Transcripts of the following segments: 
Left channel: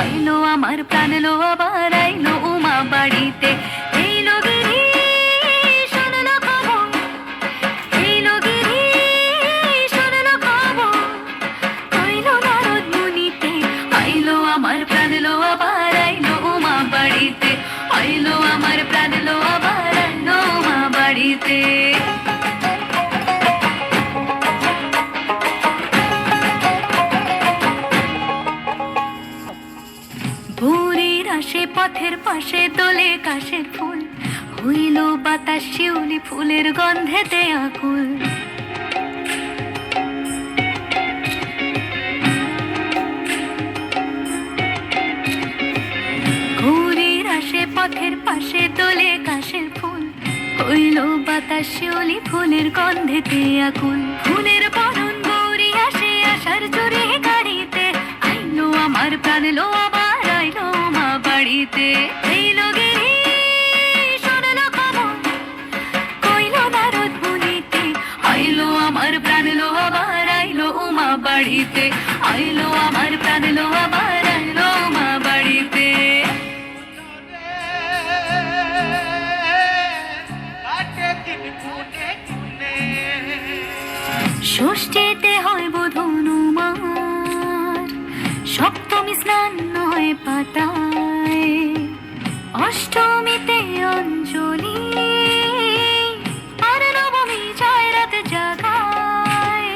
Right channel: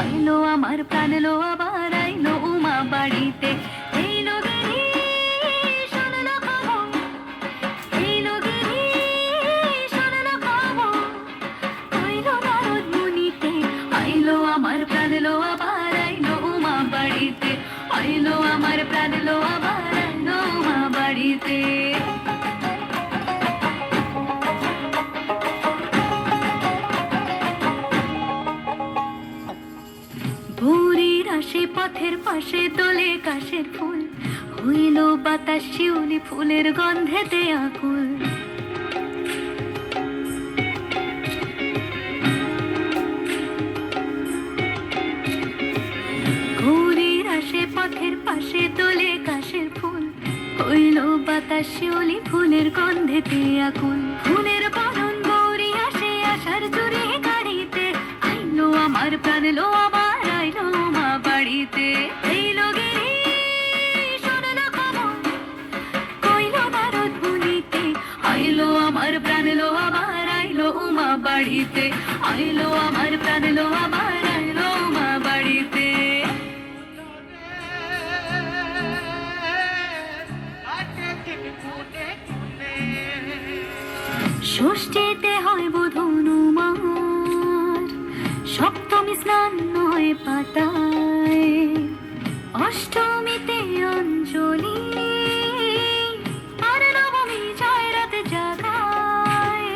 আইলো আমার প্রাণ লো আবার আইলো উমা বাড়িতে। এই লগিরি শুনলো খবর, এই লগিরি শুনলো খবর, আইলো নারদ মুনিতে। আইলো আমার প্রাণ লো আবার আইলো উমা বাড়িতে, আইলো আমার প্রাণ লো আবার আইলো উমা বাড়িতে। ভোরের আসে পথের পাশে দোলে কাশের ফুল, হইল বাতাস শিউলি ফুলের গন্ধেতে আকুল। ভোরের আসে পথের পাশে দোলে কাশের ফুল, হইল বাতাস শিউলি ফুলের গন্ধেতে আকুল। ফুলের বরণ গৌরী আসে আশার জোরে গাড়িতে, আইলো আমার প্রাণ লো আবার আইলো মা বাড়িতে। এই লগিরি শুনলো খবর, কইলো নারদ মুনিতে। আইলো আমার প্রাণ লো আবার আইলো উমা বাড়িতে, আইলো আমার প্রাণ লো আবার আইলো উমা বাড়িতে। ষষ্ঠীতে হয় বোধন উমার, সপ্তমী স্নান হয় পাতায়, অষ্টমীতে অঞ্জলি, আর নবমী যায় রাত জাগায়।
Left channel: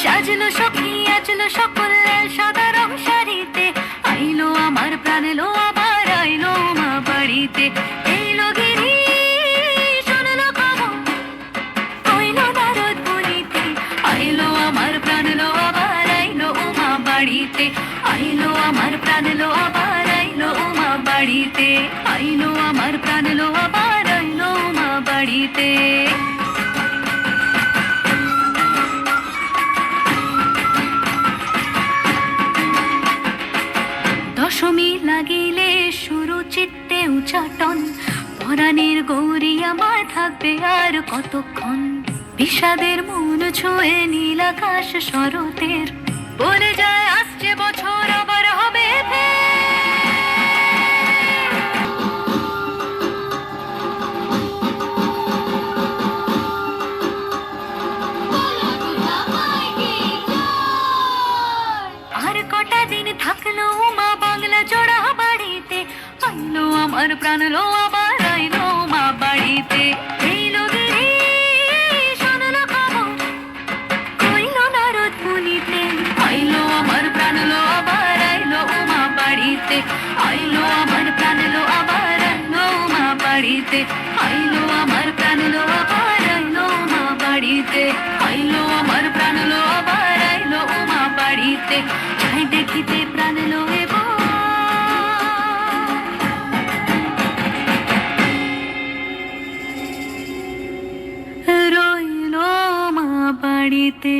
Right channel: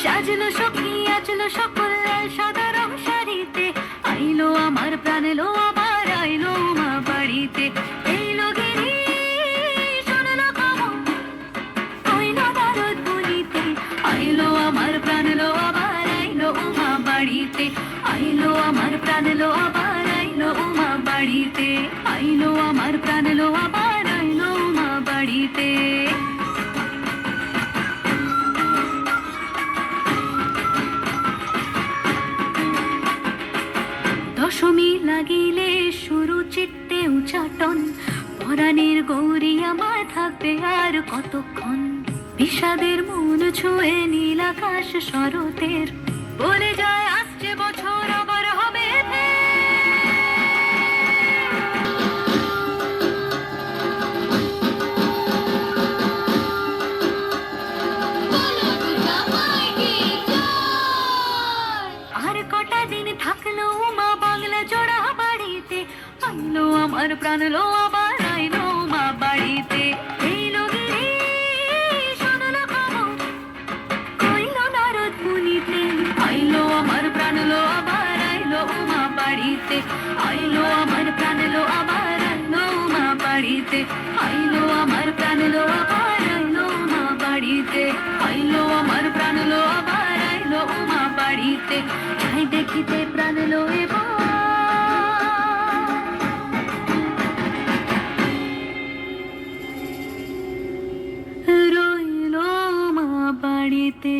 সাজলো সখী আজলো সকল সাদা রং শাড়িতে, আইলো আমার প্রাণ লো আবার আইলো মা বাড়িতে। এই লগিরি শুনলো খবর, কইলো নারদ মুনিতে। আইলো আমার প্রাণ লো আবার আইলো উমা বাড়িতে, আইলো আমার প্রাণ লো আবার আইলো উমা বাড়িতে, আইলো আমার প্রাণ লো আবার আইলো উমা বাড়িতে। দশমী লাগিলে শুরু চিত্তে উচাটন, পরাণের গৌরী আমার থাকবে আর কতক্ষণ। বিষাদের মন ছুঁয়ে নীল আকাশ শরতের, বলে যায় আসছে বছর আবার হবে ফের। আর কটা দিন থাকলো মা বাংলা জোড়া বাড়িতে, আইলো আমার প্রাণ লো আবার আইলো মা বাড়িতে। এই লগিরি শুনলো খবর, কইলো নারদ মুনিতে। আইলো আমার প্রাণ লো আবার আইলো উমা বাড়িতে, আইলো আমার প্রাণ লো আবার আইলো উমা বাড়িতে, আইলো আমার প্রাণ লো আবার আইলো উমা বাড়িতে, আইলো আমার প্রাণ লো আবার আইলো উমা বাড়িতে। যাই দেখিতে প্রাণ লো এবার, রইলো মা বাড়িতে।